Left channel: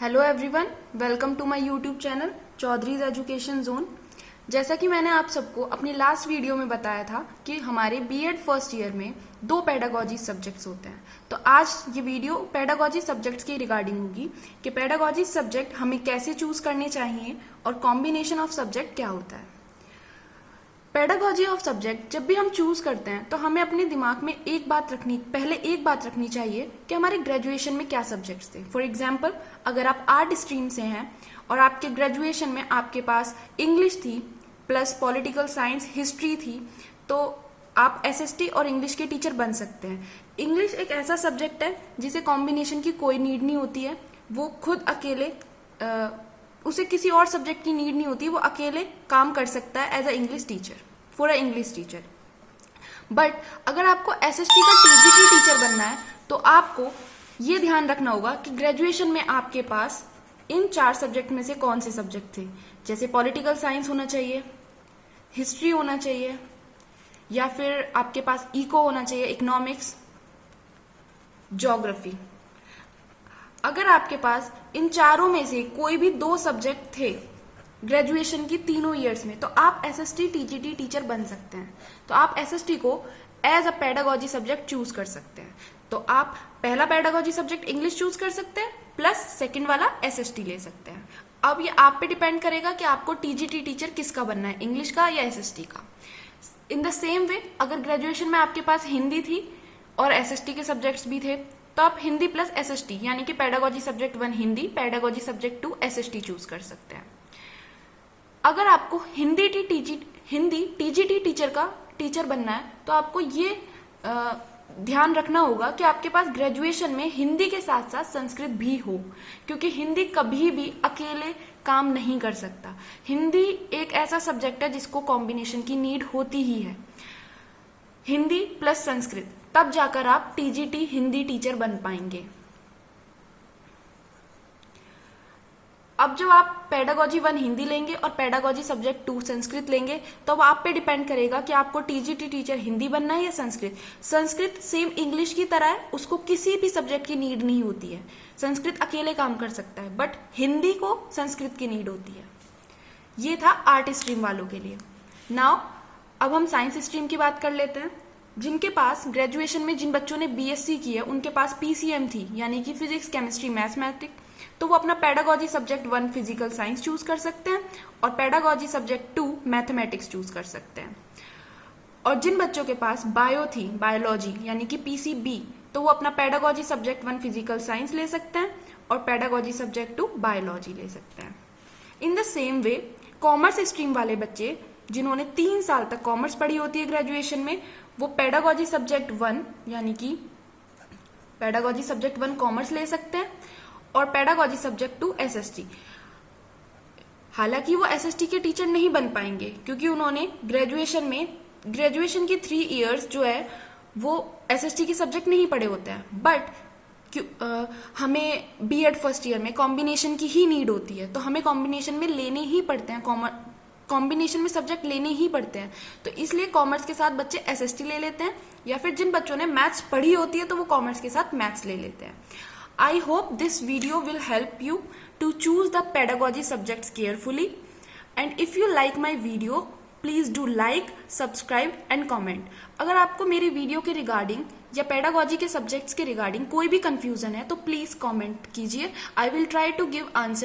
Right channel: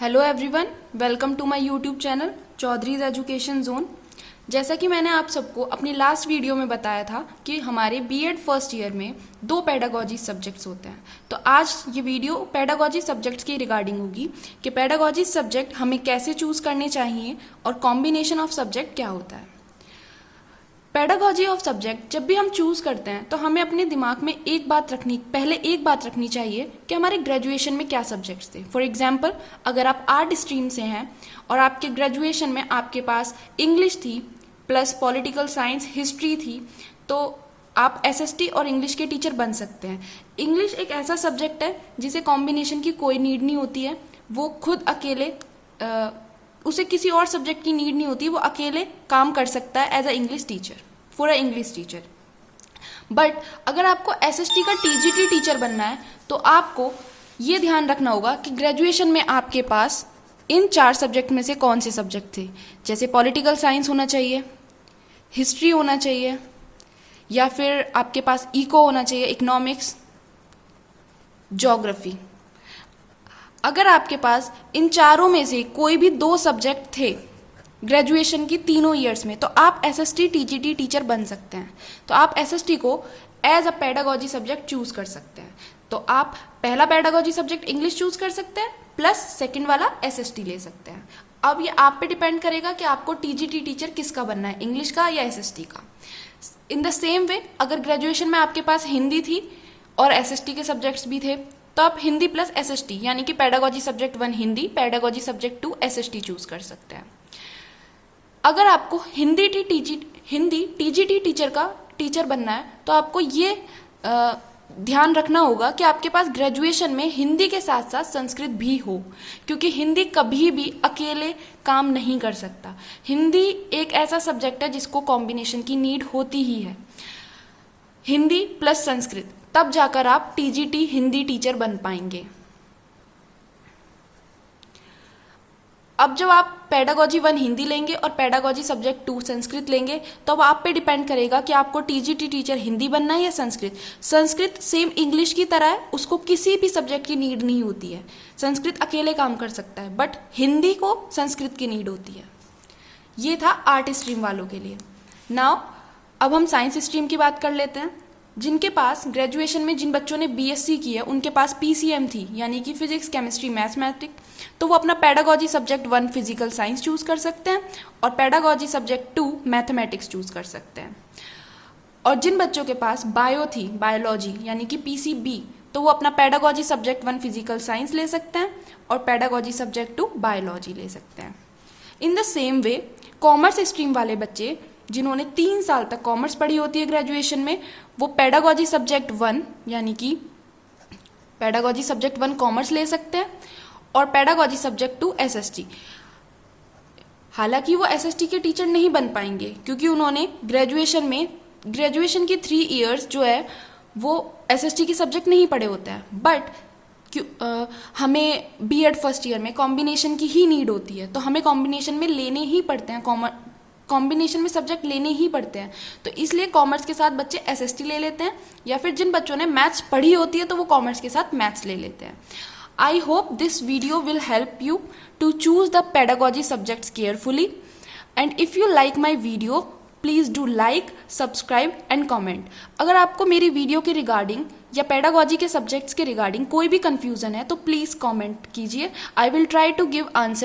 Hello everyone, welcome to my YouTube channel Chaudhary's education zone. जैसा कि मैंने आप सबको अपनी लास्ट वीडियो में बताया था कि हमारे बीएड फर्स्ट ईयर में 2 पेडागॉजी सब्जेक्ट्स होते हैं। तो आज ये वीडियो पेडागॉजी सब्जेक्ट्स की रिगार्डिंग होगी कि पेडागॉजी सब्जेक्ट हमें कैसे चूज करने चाहिए और कॉम्बिनेशन ऑफ सब्जेक्ट क्या होता है। पेडागॉजी ऑफ सब्जेक्ट जब भी हम चूज करते हैं तो हमें अपने दिमाग में पहले एक बात रखनी चाहिए कि हमारे ग्रेजुएशन में क्या सब्जेक्ट्स थे। फॉर एग्जाम्पल, अगर आप आर्ट स्ट्रीम से हैं और आपके ग्रेजुएशन में आपके पास इंग्लिश थी प्लस पॉलिटिकल साइंस हिस्ट्री थी, तो आप एसएसटी और इंग्लिश के टीचर बन सकते हैं। इंग्लिश एक ऐसा सब्जेक्ट है जिसे कॉम्बिनेशन की कोई नीड नहीं होती है। वो खुद अकेले उसे किसी और सब्जेक्ट की नीड नहीं होती, वो अकेले काम कर सकता है as a English teacher, for a English teacher. But अगर आपको एसएसटी का टीजीटी टीचर बनना है तो आपको ये ध्यान रखना होगा कि ग्रेजुएशन में आपके पास इन 4 सब्जेक्ट में से कौन से सब्जेक्ट थे। जैसे पॉलिटिकल साइंस होना चाहिए, हिस्ट्री होना चाहिए, या फिर आपके पास इको होना चाहिए, इकोनॉमिक्स, ज्योग्राफी। अगर आपके पास इन चारों में से कोई भी 2 सब्जेक्ट थे ग्रेजुएशन की तीनों ईयर्स में, तो आप एसएसटी टीजीटी टीचर बन सकते हैं। तो आप एसएसटी को as a pedagogy subject choose कर सकते हैं। तो आप पहला पेडागॉजी सब्जेक्ट इंग्लिश चूज कर सकते हैं प्लस सेकंड वाला एसएसटी ले सकते हैं। अब ये आप पे डिपेंड करेगा कि आपको टीजीटी टीचर किसका बनना है, इंग्लिश का या एसएसटी का। इन द सेम वे, अगर ग्रेजुएशन में आपके पास हिंदी थी और एसएसटी के सब्जेक्ट्स भी थे, तो आप हिंदी प्लस एसएसटी यानी कि pedagogy subject 1 Hindi, pedagogy subject 2 SST choose कर सकते हैं। अगर आपको हिंदी टीजीटी टीचर का टीचर बनना है तो आपको ये ध्यान रखना होगा कि आपके पास ग्रेजुएशन में हिंदी के साथ साथ संस्कृत भी हो, क्योंकि हिंदी कभी भी अकेले काम नहीं कर सकता। हिंदी एक ऐसा सब्जेक्ट है जिसको कॉम्बिनेशन की नीड होती ही है, हिंदी प्लस संस्कृत, तब जाकर आप टीजीटी हिंदी टीचर बन पाएंगे। अब जब आप पेडागॉजी 1 हिंदी लेंगे और पेडागॉजी सब्जेक्ट 2 संस्कृत लेंगे, तो अब आप पे डिपेंड करेगा कि आपको टीजीटी टीचर हिंदी बनना है या संस्कृत। संस्कृत सेम इंग्लिश की तरह है, उसको किसी भी सब्जेक्ट की नीड नहीं होती है। संस्कृत अकेले काम कर सकता है, बट हिंदी को संस्कृत की नीड होती है। ये था आर्ट स्ट्रीम वालों के लिए। नाउ अब हम साइंस स्ट्रीम की बात कर लेते हैं। जिनके पास ग्रेजुएशन में जिन बच्चों ने बीएससी की है उनके पास पीसीएम थी, यानी कि फिजिक्स केमिस्ट्री मैथमेटिक्स, तो वो अपना pedagogy subject 1 physical science choose कर सकते हैं और पेडागॉजी सब्जेक्ट 2 मैथमेटिक्स चूज कर सकते हैं। और जिन बच्चों के पास बायो थी, बायोलॉजी यानी कि पीसीबी, तो वो अपना पेडागॉजी सब्जेक्ट 1 फिजिकल साइंस ले सकते हैं और पेडागॉजी सब्जेक्ट 2 बायोलॉजी ले सकते हैं। In the same way, commerce stream वाले बच्चे जिन्होंने 3 साल तक कॉमर्स पढ़ी होती है ग्रेजुएशन में, वो पेडागॉजी सब्जेक्ट 1 यानी कि पेडागॉजी सब्जेक्ट 1 कॉमर्स ले सकते हैं और पेडागॉजी सब्जेक्ट 2 एसएसटी। हालांकि वो एसएसटी के टीचर नहीं बन पाएंगे क्योंकि उन्होंने ग्रेजुएशन की 3 इयर्स जो है वो एसएसटी के सब्जेक्ट नहीं पढ़े होते हैं। बट हमें बीएड फर्स्ट ईयर में कॉम्बिनेशन की ही नीड होती है, तो हमें कॉम्बिनेशन में लेने ही पड़ते हैं, कॉम्बिनेशन में सब्जेक्ट लेने ही पड़ते हैं। तो इसलिए कॉमर्स के साथ बच्चे एसएसटी ले लेते हैं, या फिर जिन बच्चों ने मैथ्स पढ़ी होती है तो वो कॉमर्स के साथ मैथ्स ले लेते हैं। I hope this video will help you to choose the pedagogy subjects carefully, and if you like my video please do like, subscribe and comment। अगर आपको मेरी वीडियो के रिगार्डिंग या पेडागॉजी के सब्जेक्ट्स के रिगार्डिंग कोई भी कंफ्यूजन है तो प्लीज कमेंट कीजिए। I will try to give answer